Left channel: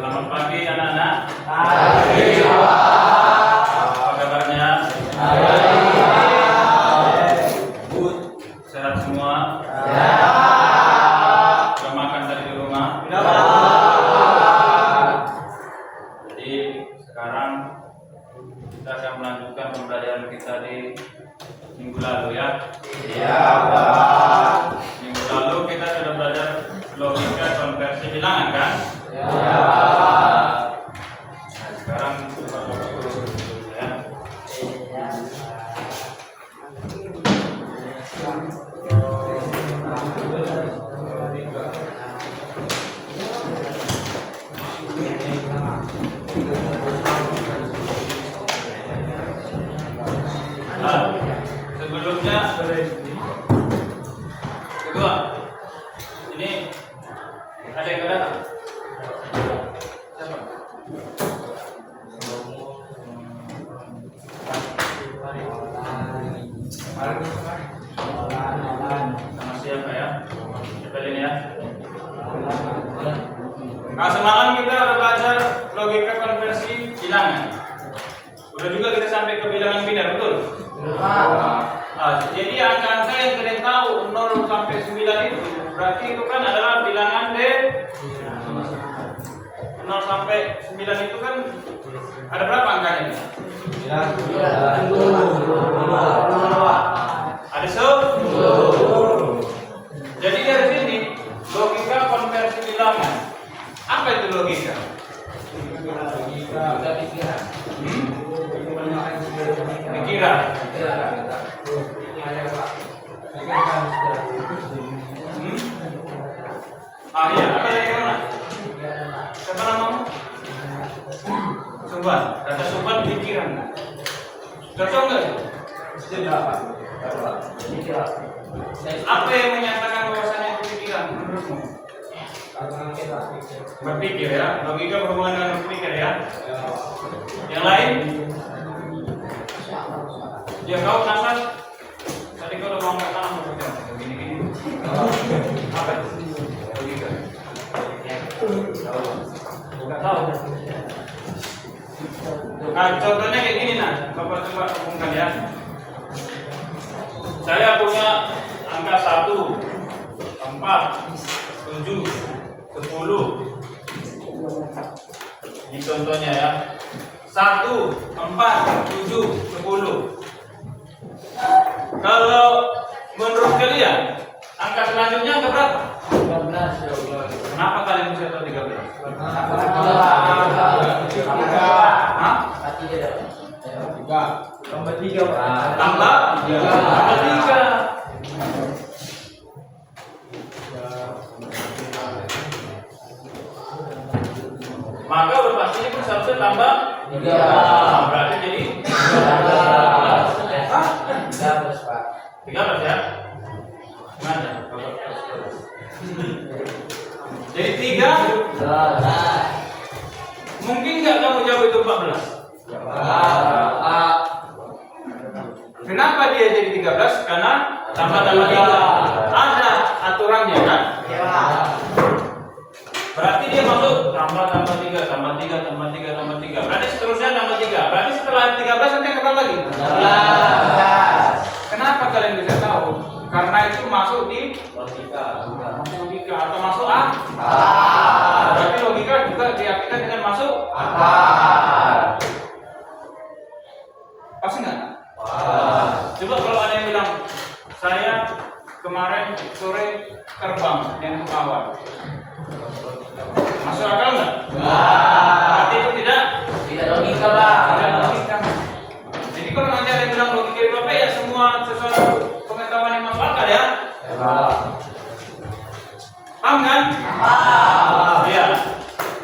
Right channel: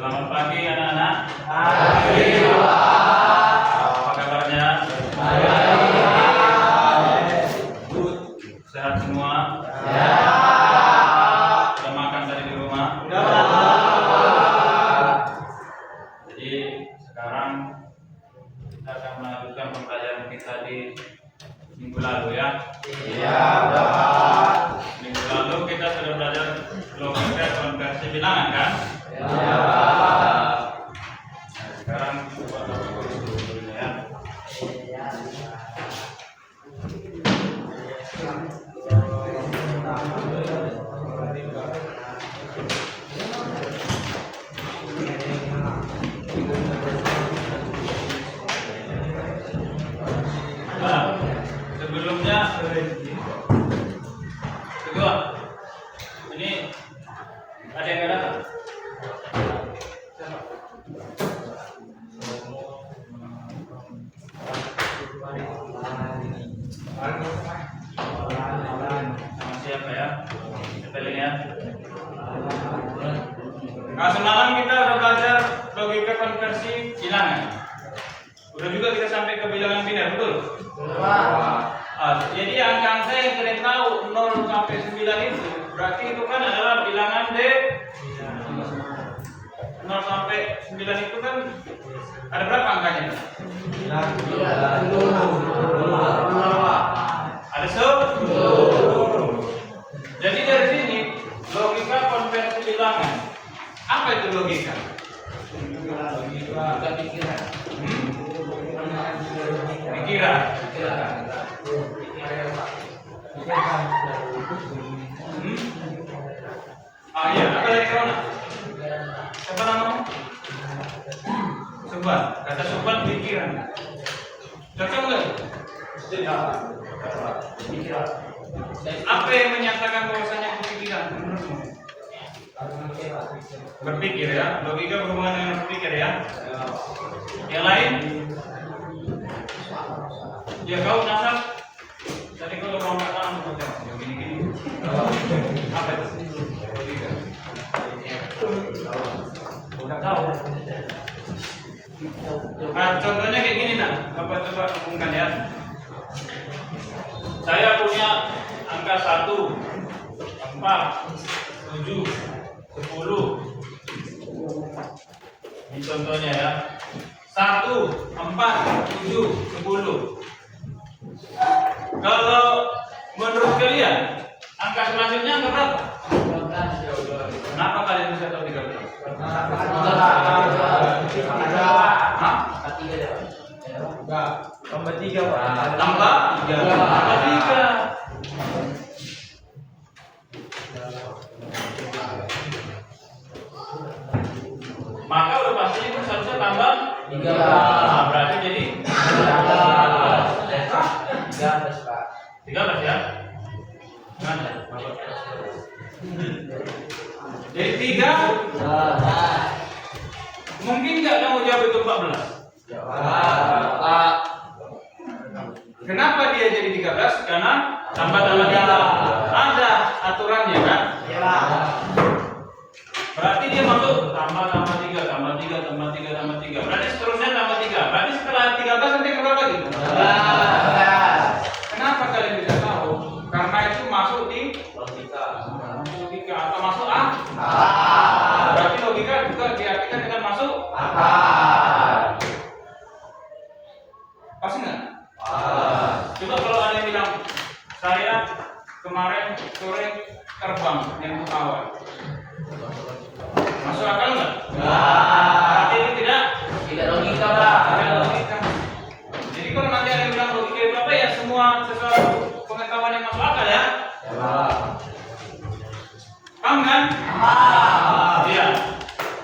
Selamat pagi anak-anak. Pagi. Apa kabarnya? Good. Sehat semua? Sudah makan tadi di rumah? Jadi sekarang kita akan melanjutkan pembelajaran kita di minggu lalu ya. Iya, Pak. Minggu lalu kita sudah belajar logika konversi bilangan kan? Iya. Sekarang coba dulu ya. Nah, sebelumnya kedua, ini ada yang nggak datang? Siapa? Sama siapa ya? Cepelin ya. Nah, semalam kita udah belajar logika konversi bilangan. Udah juga kita sampai ke bilangan biner, betul? Jadi angka-angka yang kalian tahu 0 sampai 9 itu berarti itu kan adalah bilangan 0 sampai 9 itu kan ada berapa angkanya? Ada 10. Jadi dari sini logika konversi bilangan. Apa itu logika? Logika pikiran. Pikiran. Iya, apa dari kamu? Siapa namamu? Subhan. Kata Subhan pikiran. Cocok nggak? Apa yang menyatakan bahwasanya itu pikiran menurutmu? Berpikir ya, logika berhubungan dengan berpikir ya. Yang lain? Ya kau nasab. Tadi kau udah ngomong tangan seperti gini-gini. Apa itu? Logika. Udah tahu. Nah, contohnya kayak gini nah, Bapak coba hubungkan ya. Saya punya angka 1, 4, 7, 10. Ini contohnya ya. 1, 4, 7, 10. Kalau menurut kalian angka selanjutnya angka berapa? 13. Kenapa kalian bisa tahu 13? Tambah 3. Tambah 3. Maka udah pastinya kan seharusnya tambah 3. Nah, berarti jadi 13, Pak. 13 ya? Mana? Jadi 3. Mungkin nggak kamu jawab itu 14? Kenapa dia jadi 13? Karena tambah-tambah 3. Ada aturannya kan? Berarti dia masuk tambah 3, tambah 3, tambah 3, tambah 3. Berarti seterusnya tambah 3. Berarti setelah 13 nanti berapa lagi? 14. Kenapa kalian bisa tahu? Karena itu masuk di logika atau masuk akal. Berarti logika juga diartikan dengan masuk akal. Pas nggak? Coba kalau ada yang bilang saya kemarin sore terbang yang pesawat, masuk akal nggak? Berarti itu tidak logika, Pak. tidak logika. Jadi kalau nanti ada yang bilang logika itu apa ya, semua sesuatu pengetahuan yang masuk akal ya. Paham kan? Iya.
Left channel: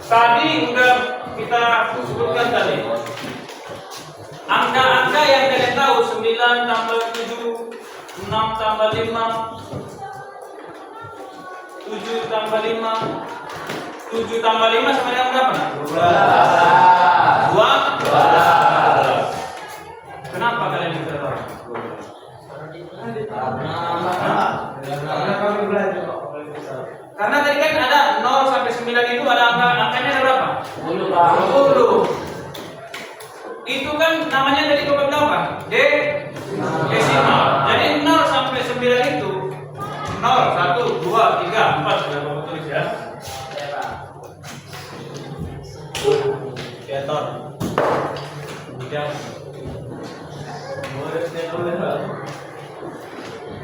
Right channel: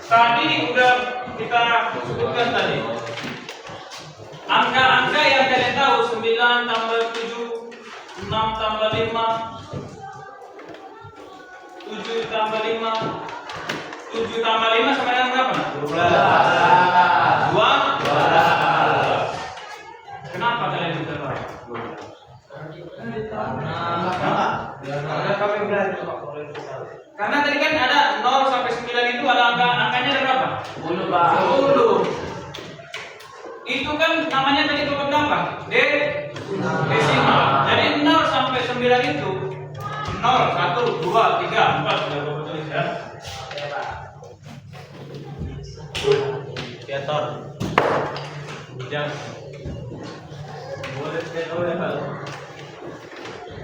Tadi udah kita sebutkan tadi. Angka-angka yang kalian tahu 9 tambah 7, 6 tambah 5, 7 tambah 5, 7 tambah 5 sama dengan berapa? 12. Kenapa kalian bisa tahu? Karena tadi kan ada 0 sampai 9 itu ada angkanya ada berapa? 10 Pak. 10. Itu kan namanya tadi berapa berapa? Desimal. Jadi 0 sampai 9 itu 0, 1, 2, 3, 4 sudah Bapak tulis ya. Piator. Tidak.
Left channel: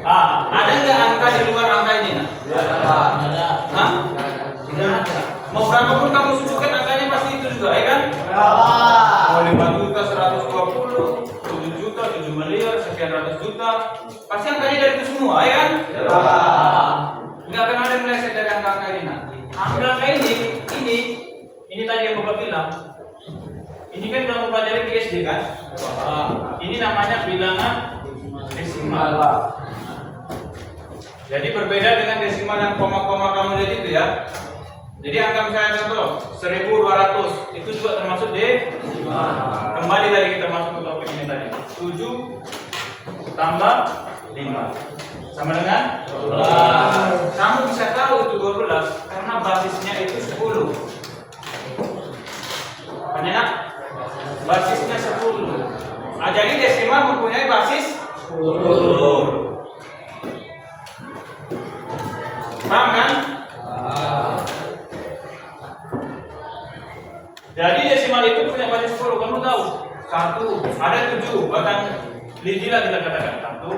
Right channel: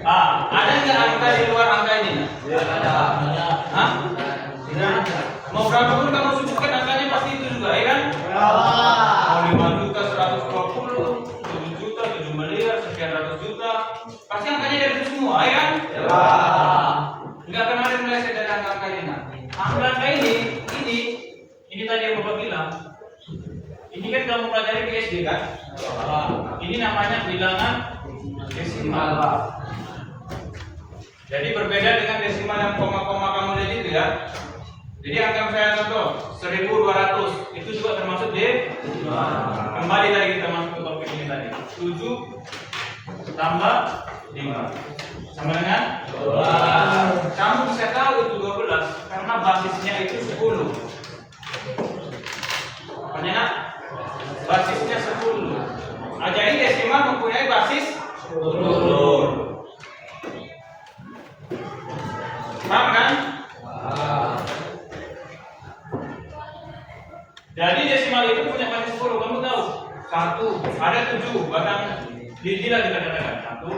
Ada nggak angka di luar angka ini? Ada. Hah? Tidak ada. Mau berapa pun kamu sujudkan angkanya pasti itu juga, ya kan? Mau 5 juta, 120, 7 juta, 7 miliar, sekian ratus juta, pasti angkanya dari itu semua, ya kan? Nggak akan ada yang meleset dari angka-angka ini. Nah, angka ini tadi yang Bapak bilang. Ini kan kamu pelajari di SD kan? Ini namanya bilangan desimal. Jadi berbeda dengan desimal yang koma-koma kamu lihat itu ya. Jadi angka misalnya contoh 1200 itu juga termasuk desimal. Kembali tadi kita masuk ke topik ini tadi. 7 tambah 5 sama dengan 12. Kamu bisa tahu itu 12 karena basisnya itu 10. Apanya nak? Basisnya 10. Jadi desimal mempunyai basis 10. Paham kan? Jadi desimal itu punya basis 10. Kamu tahu? 1, ada 7, bahkan lidilah kita katakan 1,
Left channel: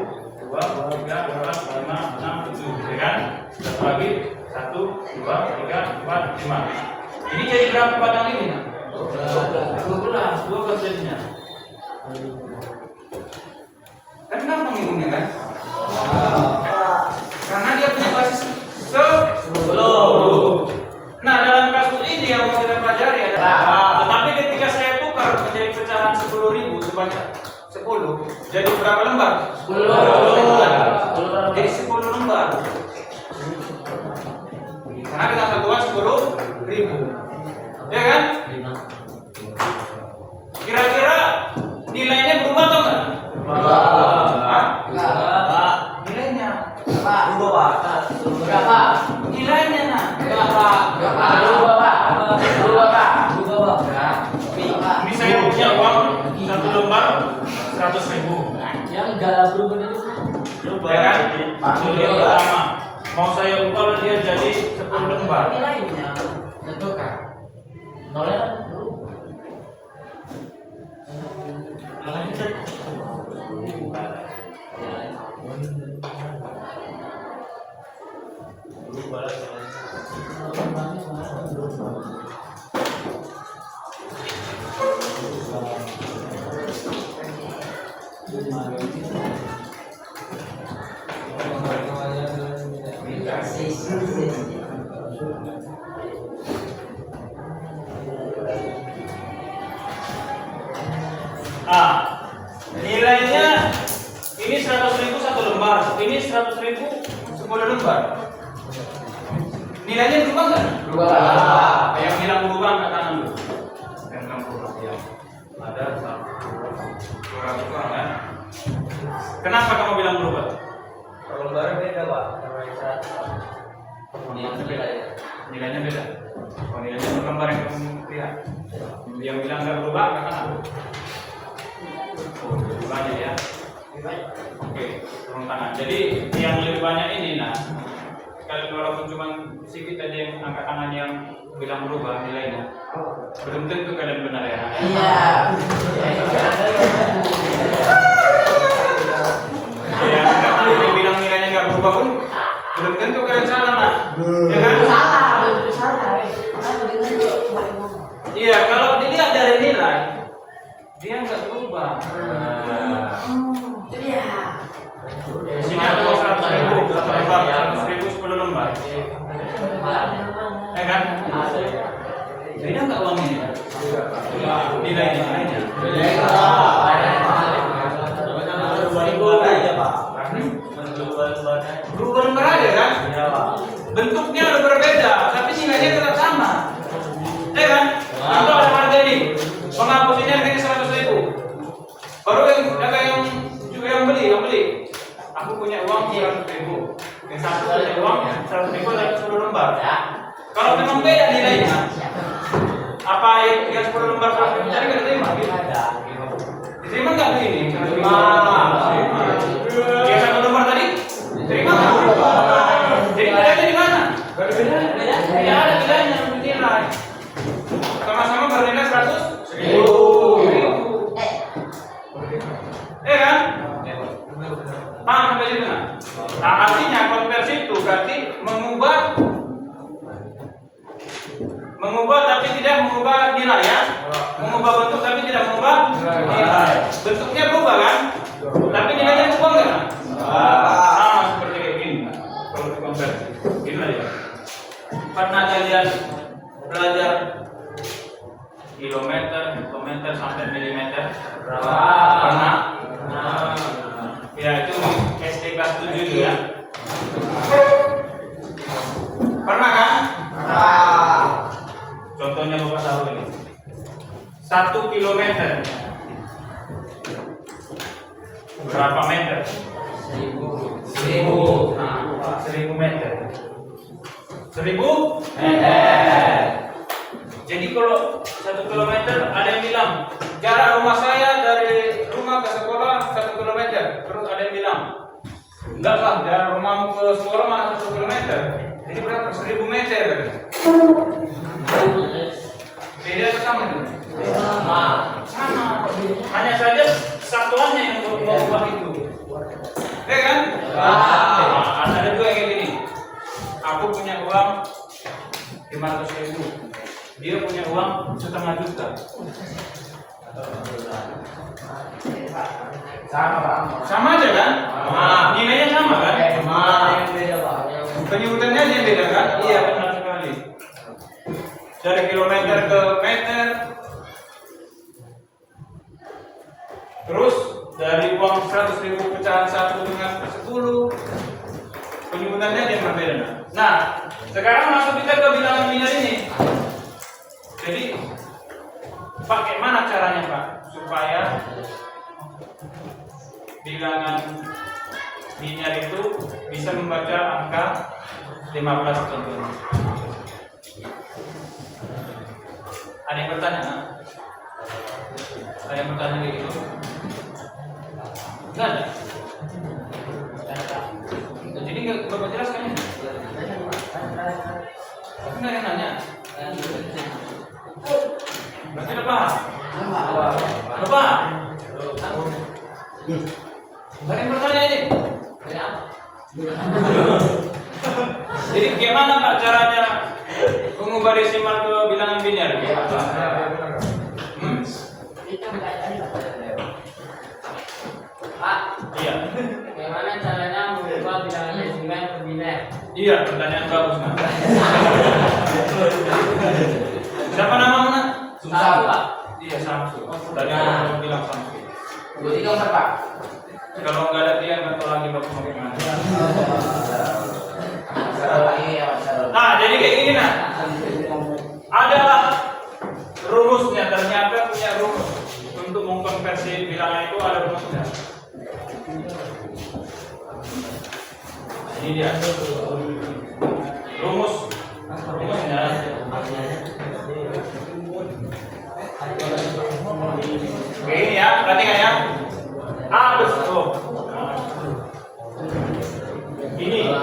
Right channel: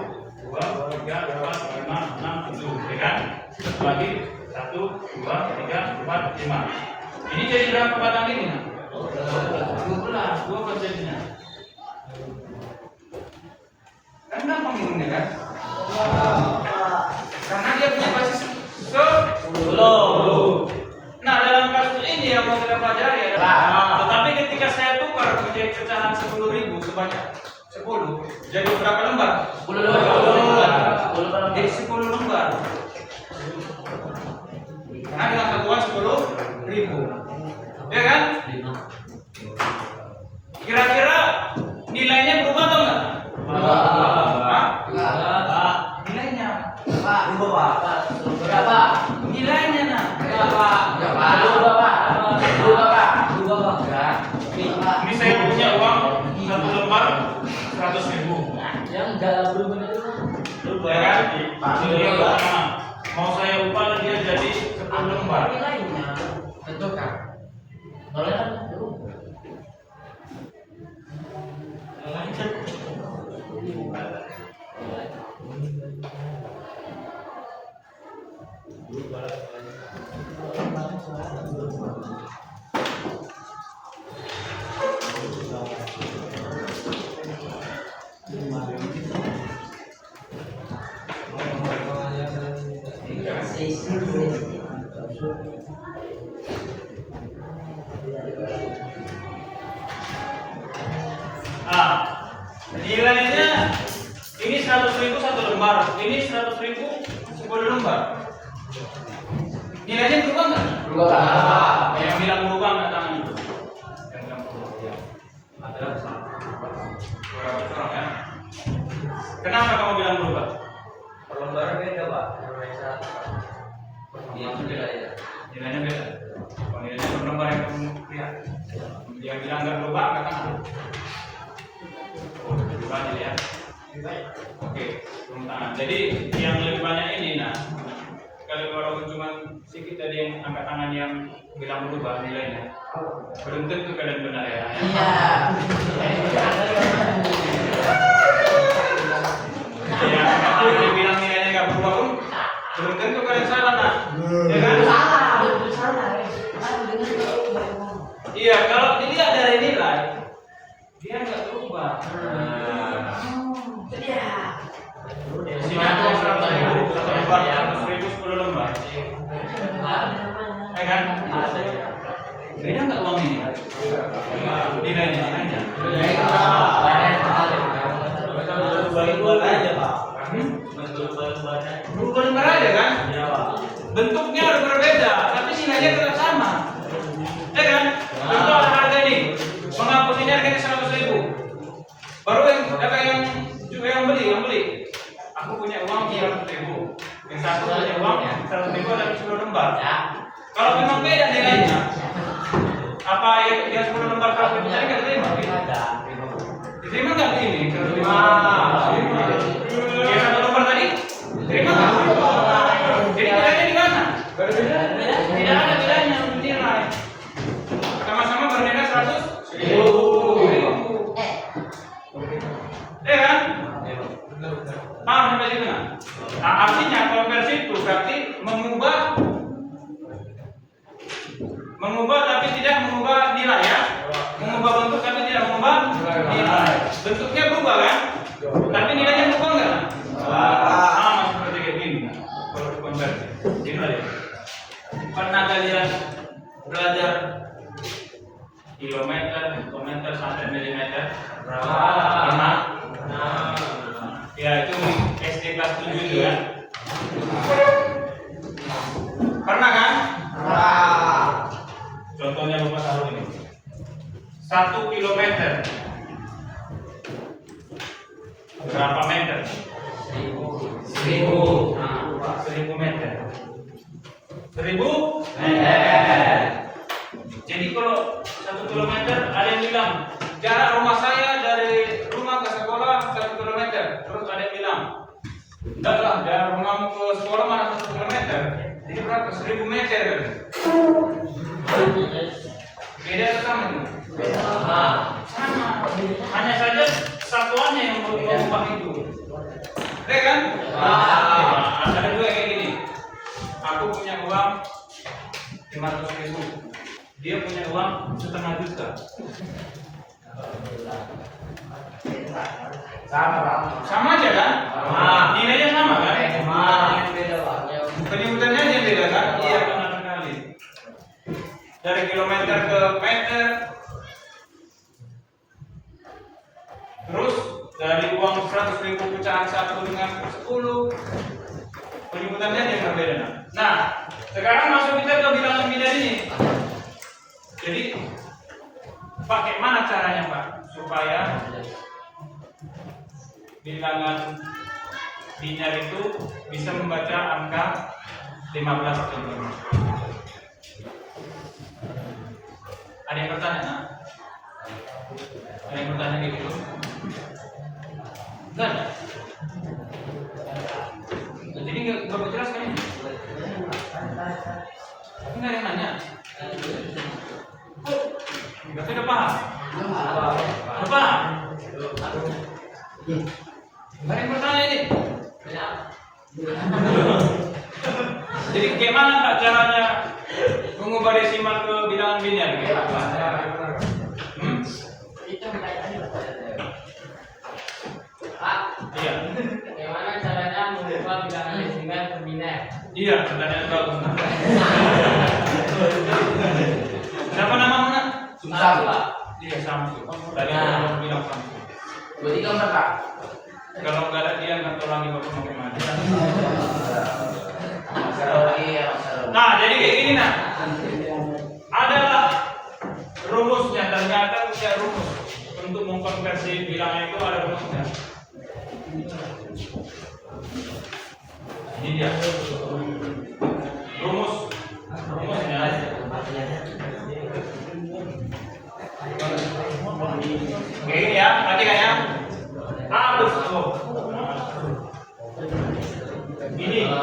2, 3, 4, 5, 6, 7, ya kan? Satu lagi 1, 2, 3, 4, 5. Ini jadi berapa batang ini? 12 jadinya. Kan gampang ngitungnya kan? Karena dia punya basis 10. Nah, dalam kasus ini yang kita pelajari adalah tetapi ketika saya tukar menjadi pecahan 10.000 sebanyak 10, jadi berapa lembar? 10 lembar. Jadi 10 lembar. Karena dengan satuan 10.000. Ya kan? Kira-kira nilainya berubah atau enggak? Nilainya Berapa? nilainya nah. Ini saya punya uang 1 lembar 100.000. Yang enggak berubah itu. Ya kan? Itu dia pertama. Mau saya ubah dia jadi 10 lembar. Itu kan. Nolnya nilainya ini 100.000 1 lembar, ini 100.000 10 lembar. Nilainya berubah nggak? berubah. Yang bilang berubah nggak tangan dulu? Yang berubah ya. Ada kurang kan? Kenapa kamu bilang berubah? Per lembar beda, Pak. Nilainya beda. Kalau nilainya per lembar yang kamu lihat, yang bilang nggak berubah nggak tangan. Oh, lebih banyak ya. Oke, turun tangan. Jadi yang lebih banyak ini, nah, kalau cuma sedikit tadi yang angkat tangan yang bilang berubah nilainya, belum tentu kalian benar ya. Iya. Yang angkat bilang nilainya nggak berubah pun, belum tentu kalian salah, nah. Ya kan? Iya, kalau dilihat dari nilai, dia nggak berubah. Sini aku 100.000, 1 lembar, 100.000 10 lembar. Ya kan? Beda nggak uang ini? Nilainya. Berubah lembar aja kan? Bentuknya udah berbeda, tapi nilainya tetap sama. Ya kan? Contoh ada harga ini, menghapus ini harganya 100.000. Baru yang beli. Aku punya uang 100.000. Yang satu punya uang 100.000 tapi 10 lembar. Kalau memang beda nilainya, Apa yang 10 lembar 100.000 tadi nggak diterima? Diterima nggak ini? Diterima. Yang 1 lembar tadi diterima nggak? Jadi bedanya di mana? Tidak ada bedanya nilai. Sama-sama bernilai 100.000. Kan? Paham sampai situ nah? Nah, artinya konversi itu berarti mengubah tapi tidak mengubah nilai ya. Mengubah bentuk tapi tidak mengubah nilai. Bentuknya berubah kan? Tapi nilainya berubah enggak? Sama seperti kayak gini. Kalau dikonversi. Gini aja. Pernah kalian belajar kilometer sampai milimeter? Pernah? Ya itu SD kelas 7 itu ya. Pernah kan? Contohnya Bapak tahu ini. 1 kilometer berapa meter? 1000. Nah, 1000 meter. 1000 meter. Jadi kalau 1 kilometer ada yang bilang jarak rumah saya dari rumah ke sekolah 1 kilometer. Terus ada yang bilang enggak lah, dari rumahmu ke sekolah mana 1 kilometer. Jadi berapa? 1000 meter. Beda atau sama itu? Sama. Hanya saja satuannya yang berubah itu. Kan? Ada dua kayak gini. Aku punya uang 500.000. Dia punya uang 1,5 juta. Sama aja kan? Nilainya sama kan? Penyebutannya aja yang beda kan? Iya benar sekali. Dari kilometer ke meter. Terus dari uang 100.000 pecahan 1 dengan 10. Penyebutannya aja yang berbeda. Nah, sekarang masuk kita ke bilangan biner ini. Jadi pakai mana caranya Pak supaya bilangan biner itu bisa membaca angka 15 contohnya? Ada yang bertanya? Nah? Ada yang bertanya kayak gitu? Enggak ada. Jadi nggak Bapak jelaskan ini? Tapi nggak ada yang nanya. Berarti udah paham? Udah paham? Nggak ada yang bertanya ini? Jadi gimana Pak caranya mengubah desimal ke bilangan biner? Pak, Iya. bagaimana caranya mengubah bilangan desimal ke biner? Iya, pertanyaan bagus nah. Siapa namamu nak? Samsu, Pak. Iya Samsu. Tadi aku bilang Samsu. 23 Pak. Kalau nggak ada dia nggak tahu lagi bapak bagaimana. Nah, jadi kayak gini nah. Adalah rumusnya, ternyata punya rumus untuk mengkonversi bilangan itu ada rumusnya. Ini dia rumusnya. Kayak ini ya, perhatikan ya. A plus O. Ini.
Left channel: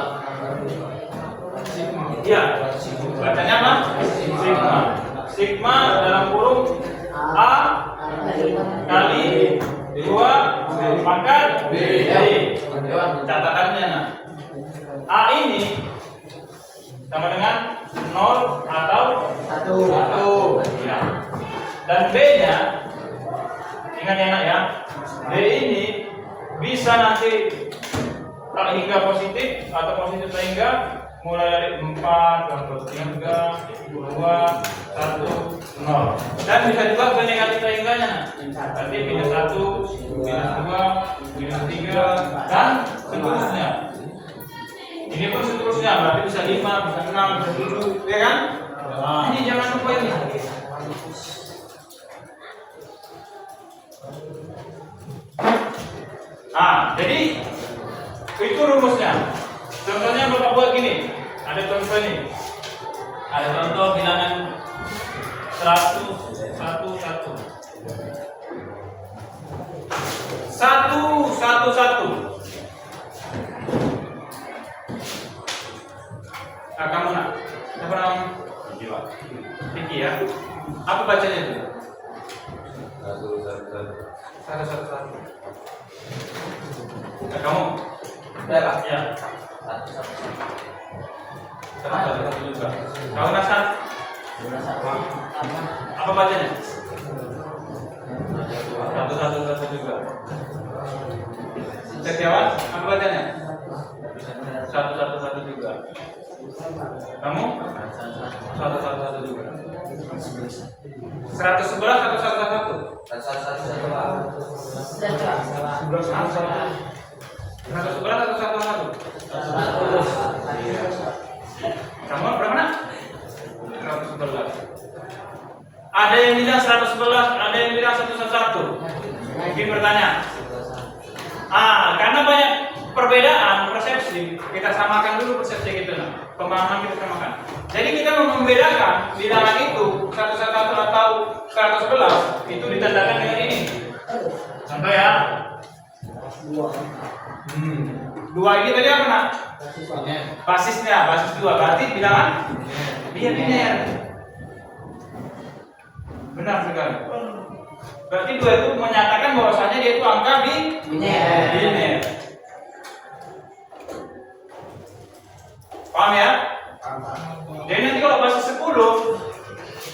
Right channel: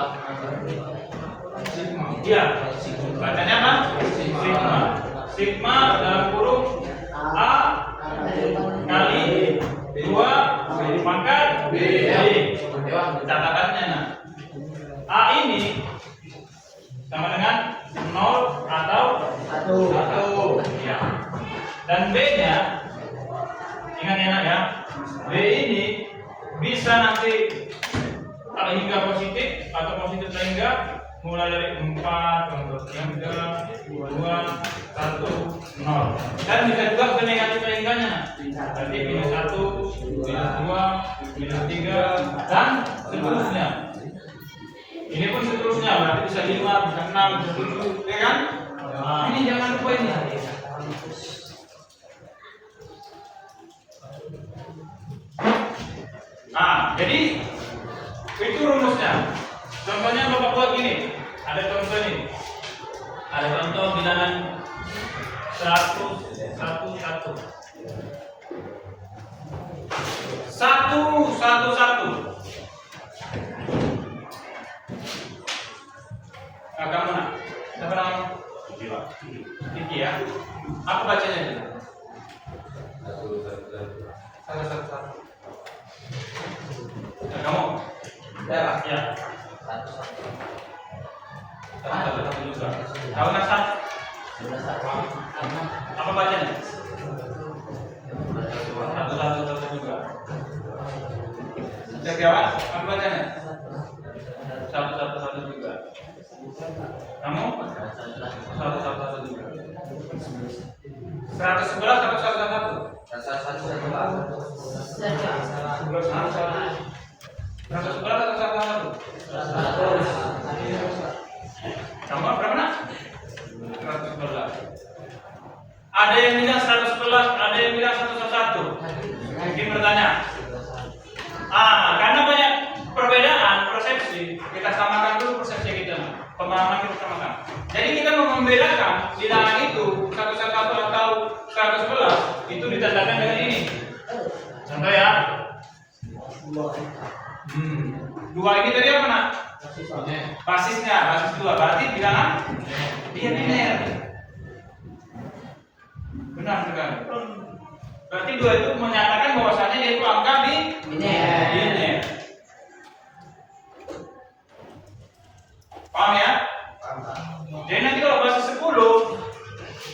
Iya. Bacanya apa? Sigma. Sigma dalam kurung A kali 2 pangkat B. Catatannya nah. A ini sama dengan 0 atau 1. Ya. Dan B-nya ingat ya nak ya. B ini bisa nanti tak hingga positif atau positif tak hingga mulai dari 4 atau 3, 2, 1, 0. Dan bisa juga ke negatif tak hingganya. Nanti minus 1, minus 2, minus 3 dan seterusnya. Ini pun seterusnya berarti bisa 5, bisa 6, bisa 7, ya kan? Nah, ini jangan lupa ini. Nah, jadi itu rumusnya. Contohnya Bapak buat gini. Ada contoh nih. Ada contoh bilangan 1 Nah, kamu nak, siapa nama? Vicky ya. Apa bacanya itu? Satu. Nah, kamu? Ya. Satu juga. Kalau Nasan? Apa bacanya? Satu juga. Setiawan, apa bacanya? Satu juga. Kamu? Satu juga. 111 atau 111? 111 atau 111? Kamu berapa nak? 111. Ada yang bilang 111, ada yang bilang 111. Mungkin bertanya. Karena banyak perbedaan persepsi, kita samakan dulu persepsi kita, pemahaman kita samakan. Jadi kita mau membedakan bilangan itu 111 atau 111 itu ditandakan dengan ini. Contoh ya. Dua ini tadi apa nak? Basisnya, basis 2. Berarti bilangan dia biner. Benar sekali. Berarti 2 itu menyatakan bahwasanya dia itu angka biner. Paham ya? Jadi nanti kalau basis 10,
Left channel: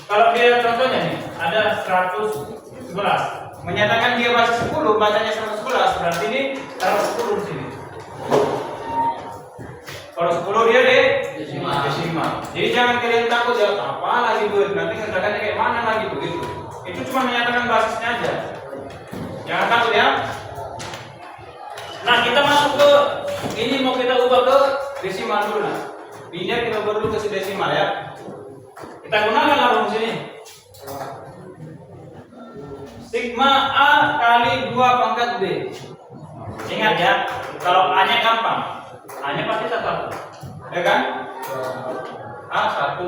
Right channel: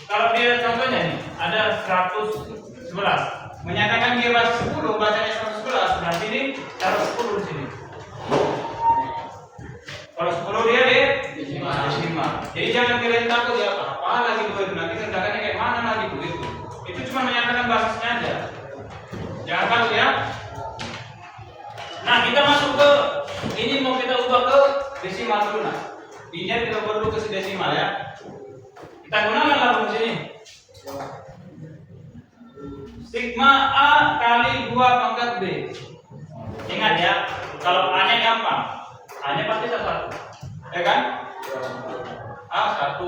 kalau dia contohnya nih ada 111, menyatakan dia basis 10, bacanya 111, berarti ini taruh 10 di sini. Kalau 10 dia desimal. Jadi jangan kalian takut ya, apa lagi duit, nanti ngetakannya kayak mana lagi begitu. Itu cuma menyatakan basisnya aja. Jangan takut ya. Nah, kita masuk ke ini, mau kita ubah ke desimal dulu nah. Biner kita ubah dulu ke desimal ya. Kita gunakan lah rumus ini. Sigma A kali 2 pangkat B. Ingat ya, kalau A-nya gampang. A-nya pasti 1. Ya kan? A1.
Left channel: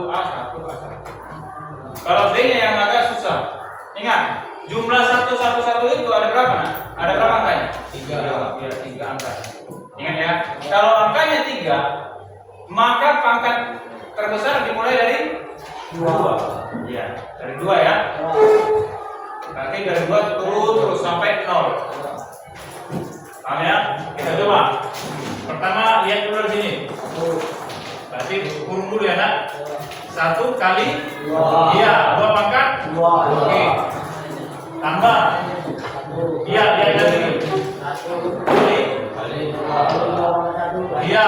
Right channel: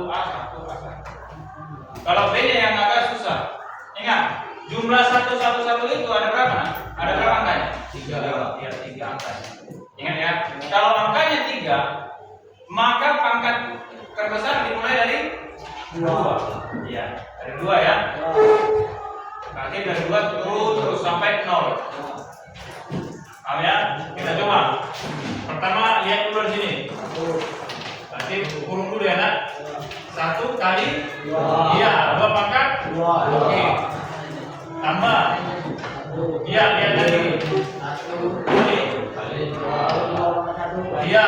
Kalau B-nya yang agak susah. Ingat, jumlah 111 itu ada berapa? Ada berapa angkanya? 3. Ya, 3 angka. Ingat ya, kalau angkanya 3, maka pangkat terbesar dimulai dari 2. Iya, dari 2 ya. Berarti dari 2 terus sampai 0. Paham ya? Kita coba. Pertama lihat dulu di sini. Berarti kurung dulu ya nak. 1 kali 2. Iya, 2 pangkat 2. Oke. Tambah. Iya, lihat lagi. 1 kali 2. Iya.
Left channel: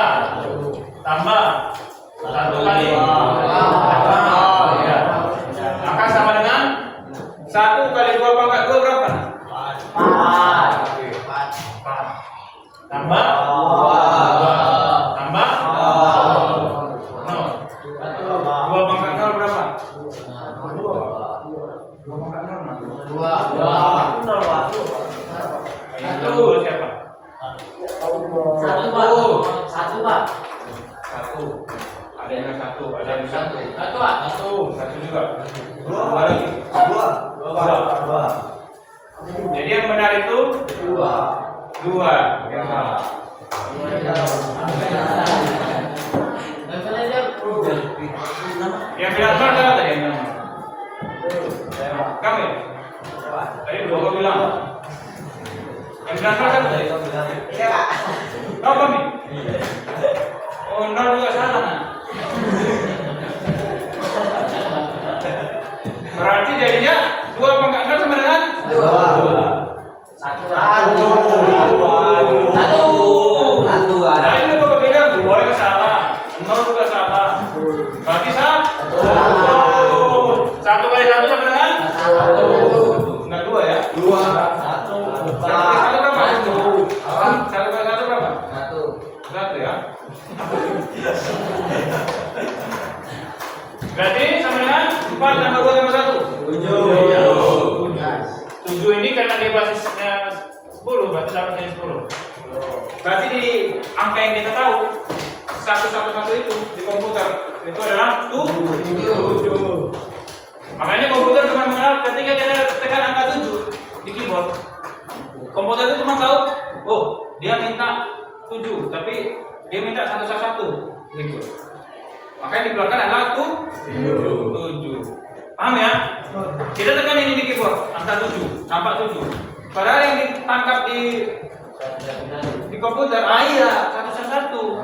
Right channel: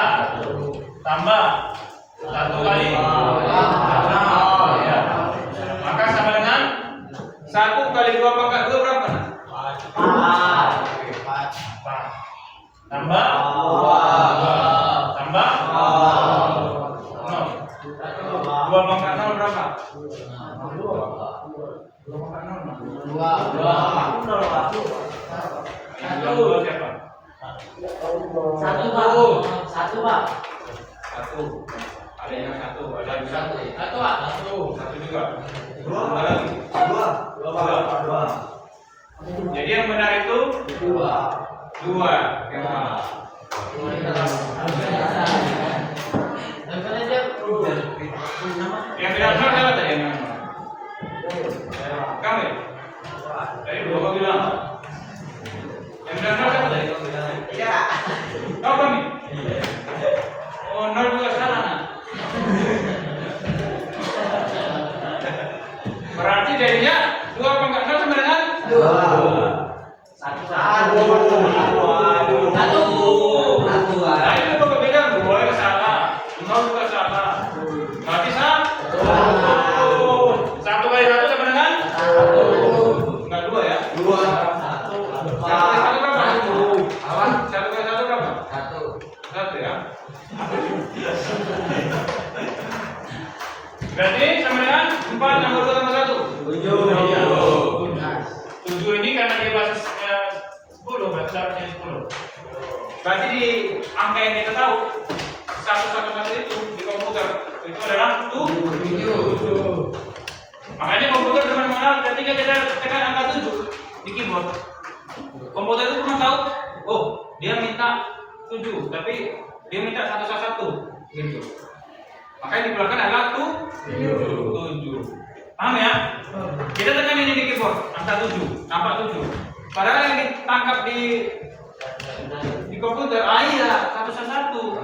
Tambah 1 kali 2. Iya. Maka sama dengan 1 kali 2 pangkat 2 berapa? 4. Tambah 2. Tambah 0. 2 pangkat 0 berapa? 2 pangkat 0 2. 2 siapa? 1 Pak. 1. Ada yang 1, ada yang 1. 1 Pak. 1 juga. 2 lagi. 2. Jadi yang benar itu 2. Yang bilang benar siapa tadi? Kamu ya? Tadi 2 kau bilang. Yang bilang benar siapa tadi? Kau kami? Oh, 0 juga salah nah. Berarti jadinya 2 pangkat 0 sama dengan 2. 1. Nah, ini Bapak bilang 2 yang salah, 0 juga salah. Berarti 1. 1 kali 1 sama dengan 1. Enggak 2 ya? 2. 1 kali 1 berapa? 1 kali 1 berapa? 1 ya. Berarti sama dengan 4 tambah 2 tambah 1. 7 ini karena dia basisnya 10, berarti dapatnya 10. Berarti di angka yang kita tahu 111 itu di komputer itu adalah 7. Makanya komputer cuma mengenal ketika kita tekan angka 7 di keyboard. Komputer itu cuma tahu, oh dia minta 7, tapi dia minta 111 gitu. Makanya di belakang adalah 7. Paham ya? Kita tekan ini di keyboard, angka 7, nampak 7. Padahal yang ditangkap di komputer, iya 111.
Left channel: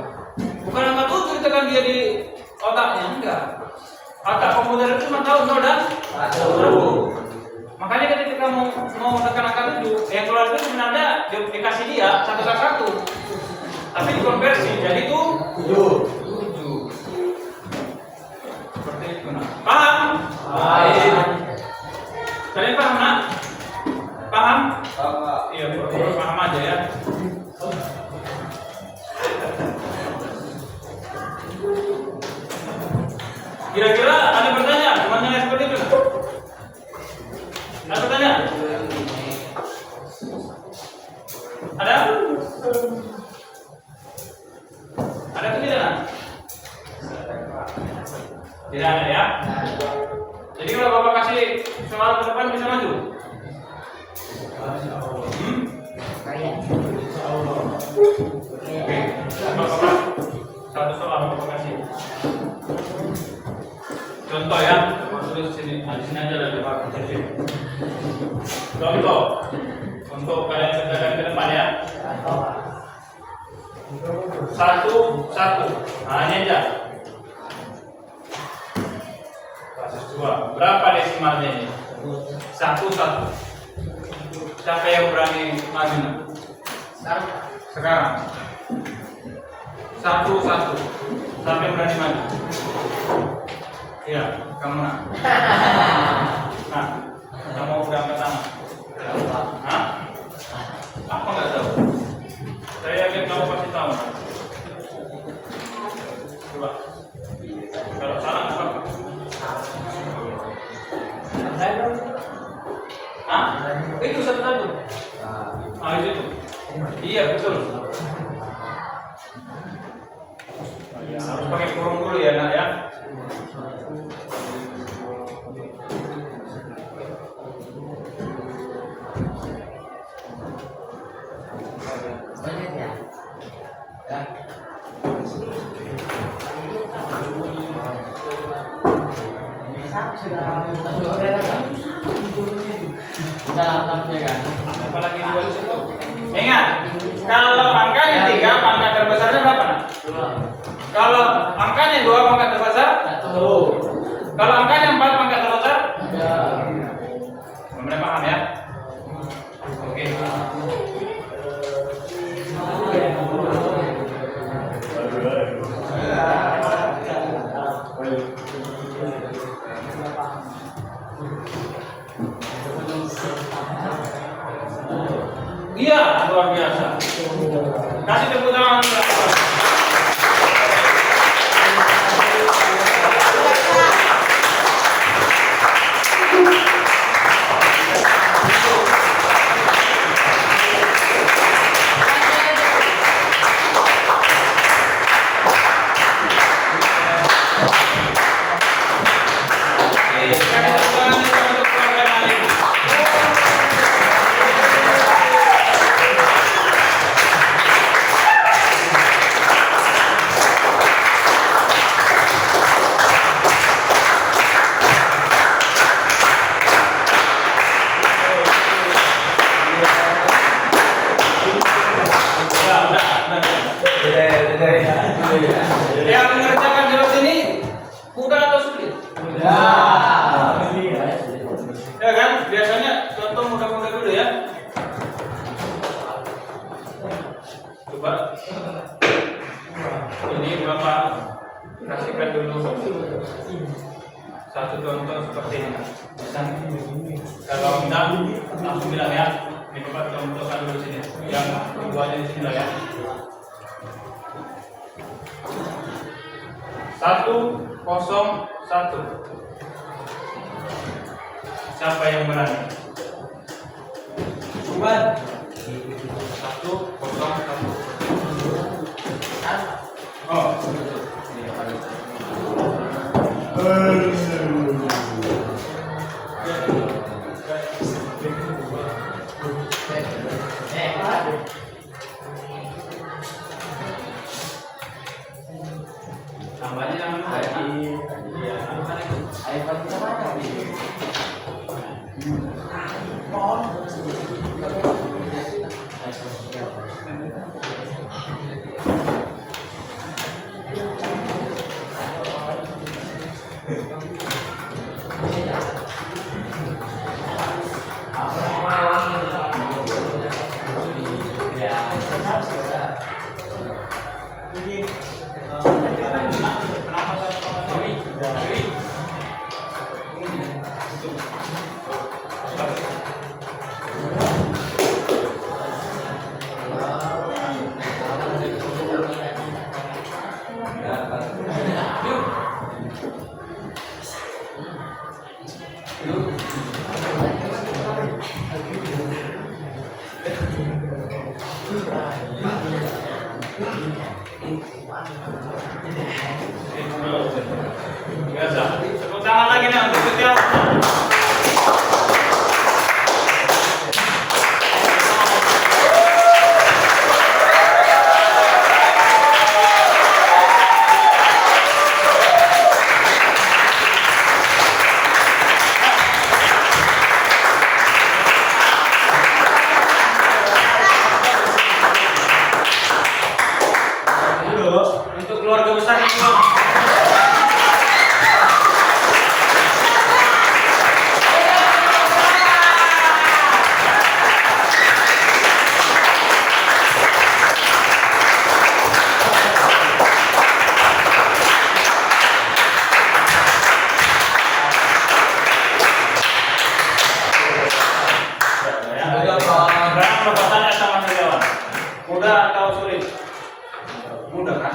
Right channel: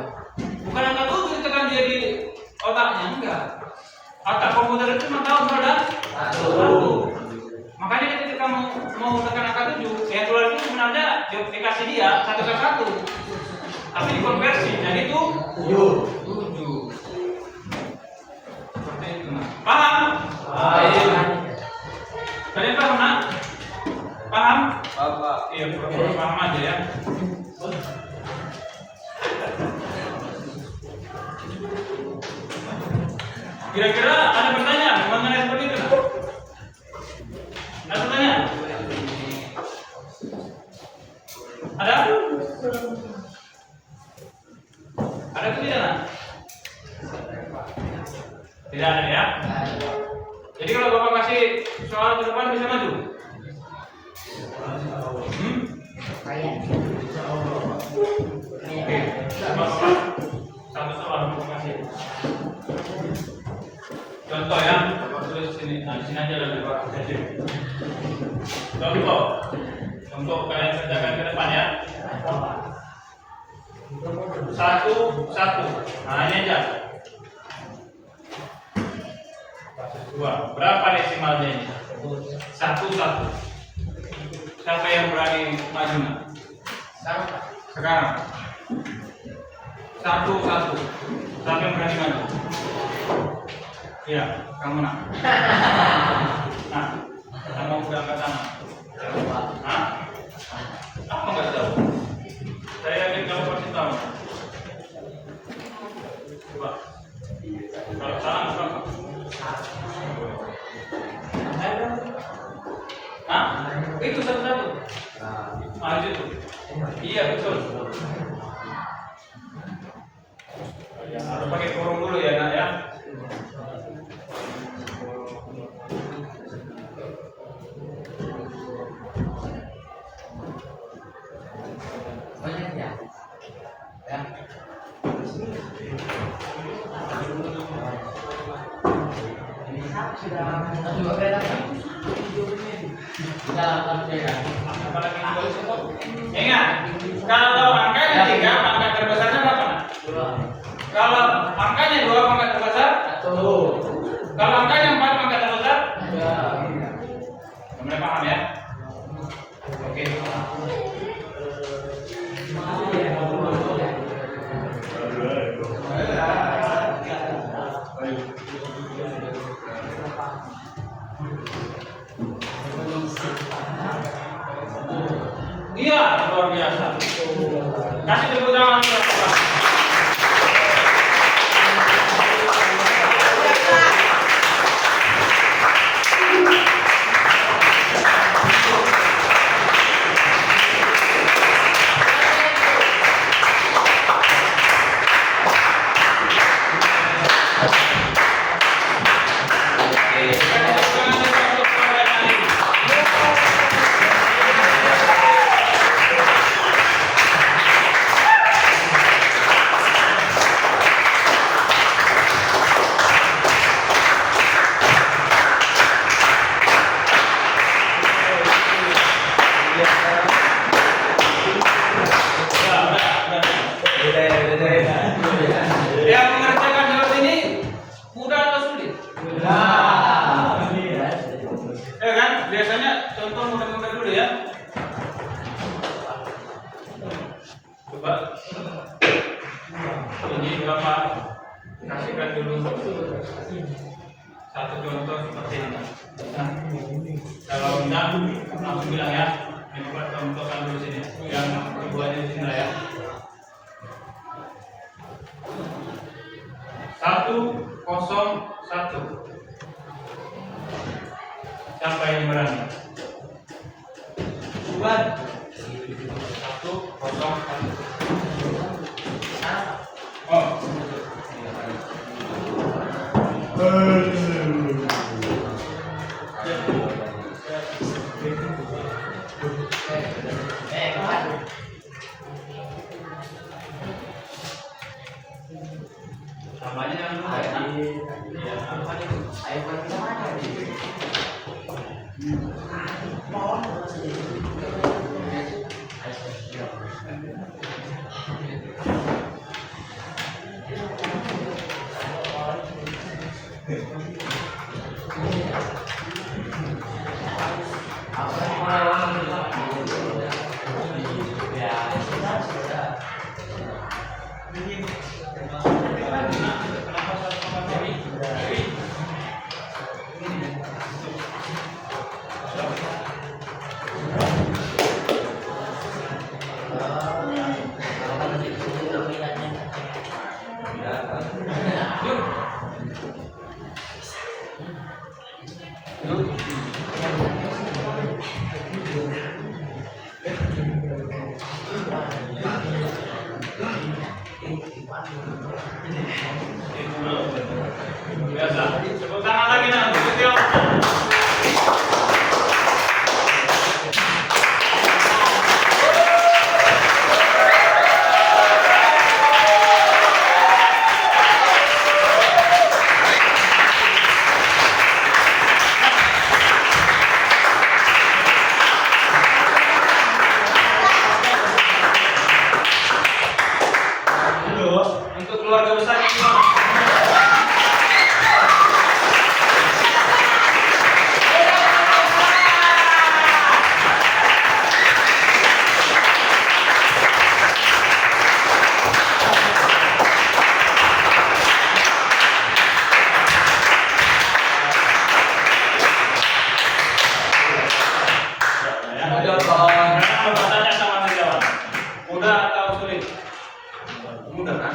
Bukan angka 7 ditekan dia di otaknya, enggak. Otak komputer itu cuma tahu 0 dan 1. Makanya ketika mau tekan angka 7, yang keluar itu sebenarnya dikasih dia 111. Tapi dikonversi jadi itu 7. Seperti itu nah. Paham? Kalian paham nak? Paham? Iya, pura-pura paham aja ya. Kira-kira ada pertanyaan mengenai seperti itu nak? Ada pertanyaan? Ada? Ada atau tidak nak? Tidak ada ya? Jadi kalau Bapak kasih soal ke depan bisa maju? Oke, Bapak satu soal Bapak kasih. Contoh ya, Bapak tulis sini. Nah, di sini aja lah Bapak kasih. Contoh untuk kalian kerjakan ke depan ya. 1, 1. Nah, ini aja. Basis 2. Berapa desimalnya ini? 1, 1. Siapa yang berani maju nak? Sekarang. 1, 1. Siapa yang berani maju? Iya, kamu nak. Nah, kamu udah angkat tangan. Hah? Apa nggak tahu? Saya yakin kamu pasti tahu. Coba. Kalau salah apa? Hah? Itu satu-satu. Ah, itu. Iya betul. Harus pakai kurung dulu ya nak ya. Apalagi ingat, kalau angkanya 3, pangkat terbesarnya berapa nak? 2. Kalau angkanya 2, pangkat terbesar 1. Kalau angkanya 4, pangkat terbesar 3. Benar paham ya? Oke. Iya, luar biasa. Kasih tepuk tangan. Yang mengerjakan jawab ini mudah atau sulit? Ya kan? Biasanya contoh mudah-mudah dulu ya. Coba. Ini Bapak kasihkan dulu satu contoh seperti ini. Kalau enggak, langsung bilang ya. Ini Bapak contohkan dulu sini. Yang keduanya di sini ya. 1, 0, 1. Siapa yang berani? 1, 0, 1. Oh. Tambahnya jangan lupa ya. Iya, kan itu. iPhone kita mana nih? Biasa. Tepuk tangan lagi nak untuk setiap. Untuk keluarga besar ini. Sekarang Bapak tanya sama seniawan, mudah atau sulit? Mudah kan?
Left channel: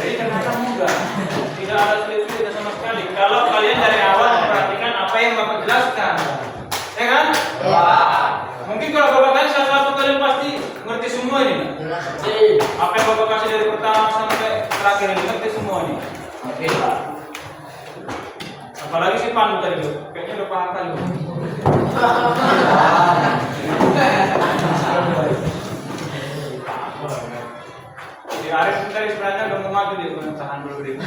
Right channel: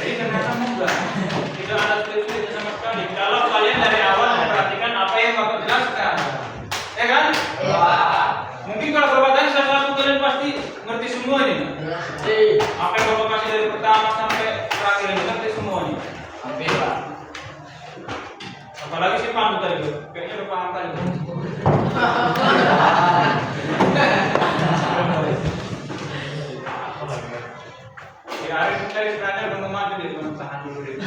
Jadi ternyata mudah, tidak ada sulit-sulit sama sekali. Kalau kalian dari awal memperhatikan apa yang Bapak jelaskan, ya kan? Mungkin kalau Bapak tanya salah satu kalian pasti ngerti semua ini. Apa yang Bapak kasih dari pertama sampai terakhir ini ngerti semua ini. Oke, Pak. Apalagi si Pandu tadi, kayaknya udah paham kali. Si Arif tadi sebenarnya udah mau maju deh, cuma tahan dulu deh.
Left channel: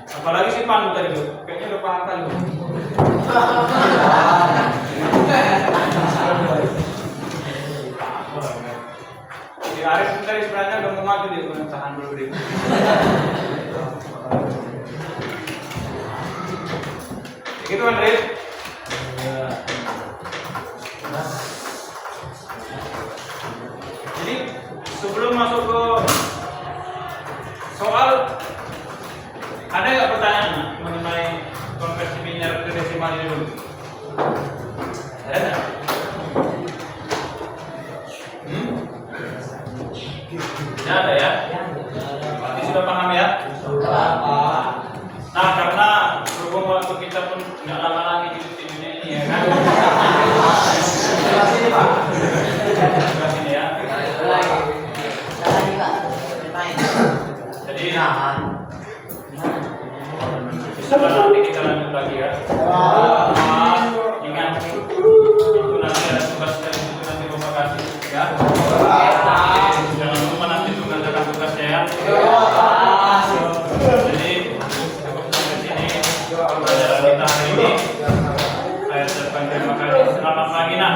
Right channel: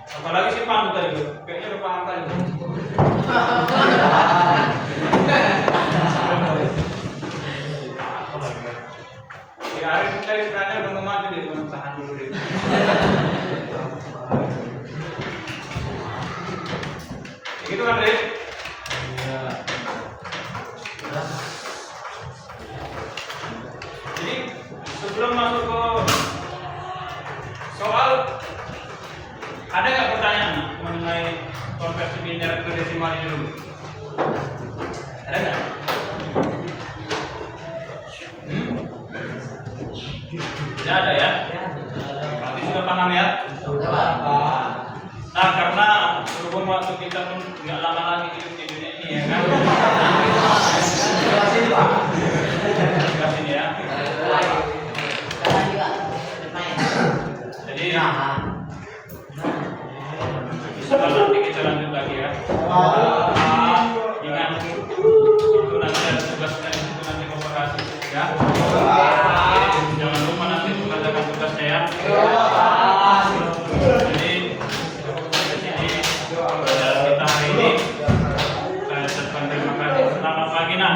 Apalagi si Pandu tadi, kayaknya udah paham kali. Si Arif tadi sebenarnya udah mau maju deh, cuma tahan dulu deh. Gitu kan, Rick? Jadi sebelum masuk ke soal, ada nggak pertanyaan mengenai konversi biner ke desimal ini dulu? Ada nggak? Tidak ada ya? Berarti sudah paham ya? Nah, karena berhubung waktu kita pun nggak lama lagi hidup di dunia ini ya kan? Jelas ini, Pak. Sebelah sini ya. Jadi setelah nanti kita lanjut lagi ya. Ingat itu nanti ada tugas dari itu nanti Bapak kasih ya. Jangan lupa nanti untuk ngerjakan tugasnya ya. Jadi sampai sini pelajaran kita hari ini. Saya ucapkan terima kasih. Selamat pagi nak.